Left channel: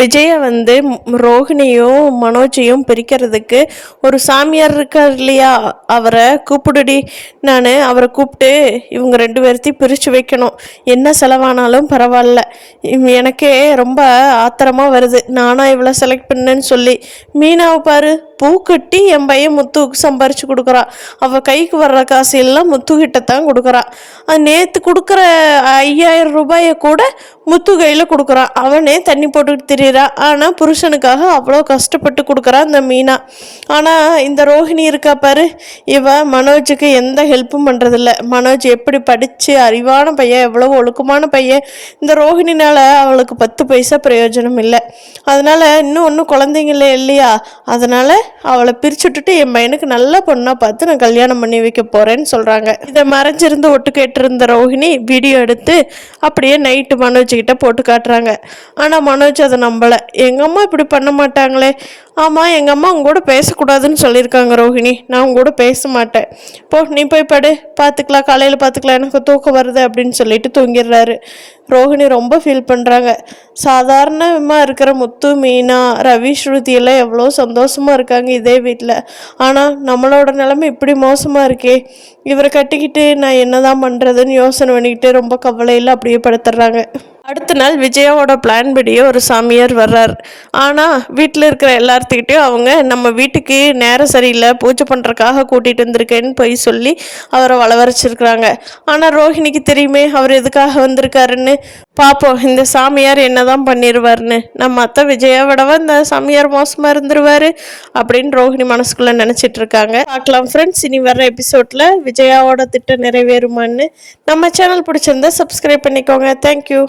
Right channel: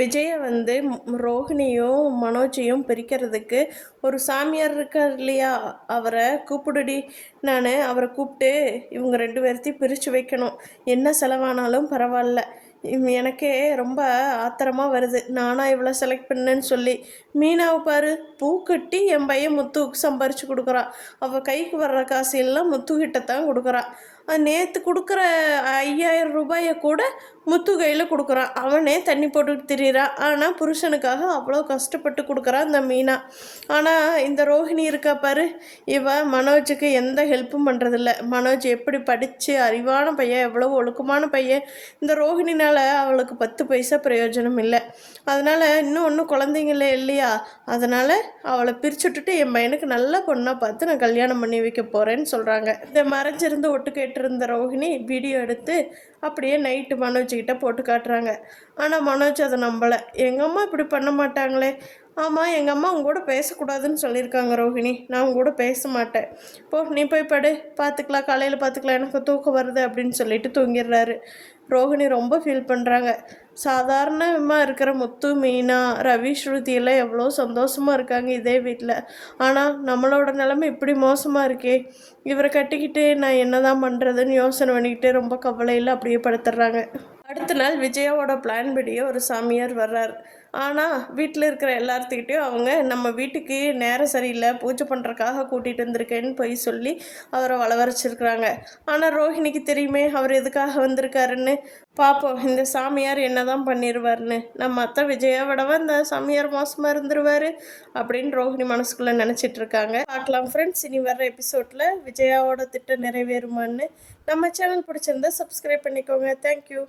விஜயை வந்து ரோஹிணியும் மனோஜையும் பிரிக்கிறதுக்கு ஒரு சாமியார் இருக்கார் இல்லையா, அவரை கூப்பிடுடி. நான் அவரை கூப்பிட்டு இவங்க ரெண்டு பேர்த்தையும் பிரித்து வைக்கணும். என்ன செலவானாலும் பரவாயில்ல. எனக்கே ரொம்ப ஆத்திரமாக வருது. நானாக இவ்வளோ செலக்ட் பண்ணேன்னு சொல்லி. மீனாவை பாரு, பூ கட்டி என் பையன் முத்துவுக்கு சம்பாரித்து கொடுக்குறா. அவள் கைக்கு வர்ற காசு எல்லாம் முத்துக்கிட்ட தான் கொடுக்குறா. நேற்று கொடுக்குற 5000 ரூபாயை கூட முத்து கையில் கொடுக்குறான். அவனே தண்ணி போட்டுக்கிட்டு திரியிறா. ஆனால் புருஷனுக்காக அவ்வளோ கஷ்டப்பட்டு கொடுக்குறான் இந்த மீனா. ஆனால் இந்த ரோஹிணி இருக்கா பாரு, இவ மனோஜுக்கு எந்த ஹெல்ப்பும் பண்ணுறதில்ல. மனோஜ் எப்படி படித்து அறிவான பையன், எவ்வளோ ஒழுக்கமான பையன். இந்த ரோஹிணினால் அவளுக்கு 10 பைசா பிரயோஜனம் இல்லை. அதனால் இன்னும் ஒன்றும் குழந்தைங்களே இல்லையா, அதனால் அவளை பிரிச்சுட்டுட்டு என் பையனுக்கு நல்ல பொண்ணாக பார்த்து நான் கல்யாணம் பண்ணி வைக்க போகிறேன்னு சொல்கிறாங்க. இதை மறைஞ்சிருந்து ஒட்டு கேட்டிருந்த ரோஹிணி வீடியோ எடுத்து அப்படியே நைட்டு மனோஜ்கிட்ட போட்டு காட்டுறாங்க. ஆனால் மனோஜ் அதை நம்பலை. எங்கள் அம்மா இப்படி பண்ண மாட்டாங்களே. ஆமாம், எங்கள் அம்மா உங்க கூட பேசக்கூடாதுன்னு சொல்லியிருக்காங்க ரோஹிணி. நான் உங்க கூட பேச மாட்டேன். நீ போய் படு, பார்த்துக்கலாம், காலையில் பார்த்துக்கலாம், எனக்கு தூக்கம் வருது அப்படின்னு சொல்லிட்டு தூங்கிடுறாரு. ரோஹிணி ரொம்ப ஃபீல் பண்ணுறாங்க. சாதாரணமாக இருக்கிற முத்து, மீனா, ரவி, ஸ்ருதி எல்லாம் எவ்வளோ சந்தோஷமாக இருக்காங்க இதே வீட்டில். ஆனால் நம்மளோட நிலைமை இப்படி மோசமாக இருக்கே. இவரை கட்டிக்கிட்டு நான் என்னதான் பண்ணுறதுன்னு யோசனை பண்ணிக்கிட்டு ரொம்ப கவலையில் அப்படியே படுத்துடுறாங்க. அடுத்த நாள் விஜயாவோட பிளான் படியே ஒரு சாமியார் வர்றார். ஆனால் வீட்டில் இருக்கிற எல்லார்த்துக்கிட்டையும் அவங்க நம்ம வீட்டுக்கு நேரம் சரியில்லை, பூஜை பண்ணுறக்காக கூட்டிகிட்டு வந்திருக்கேன்னு போய் சொல்லி அவரை வளவரைச்சிருக்கிறாங்க. ஆனால் ரோஹிணிக்கு தெரியுமே அவர் எதுக்காக வந்திருக்காருன்னு. பார்ப்போம் இந்த சாமியார் என்னதான் பண்ணிடுவார்னு. நம்ம அத்தை விஜயா விடவா இந்த சாமியார் மோசமாக இருந்துருவார் அப்படின்னு ரோஹிணி மனசுக்குள்ளே நினச்சிட்டு இருக்காங்க. பார்க்கலாம் ஃப்ரெண்ட்ஸ், இனி வர்ற எபிசோடில் விஜயாவோட திட்டம் நிறைவேறுமான்னு. நம்ம சேனல் பிடிச்சிருந்தா சப்ஸ்கிரைப் பண்ணிக்கோங்க. தேங்க்யூ.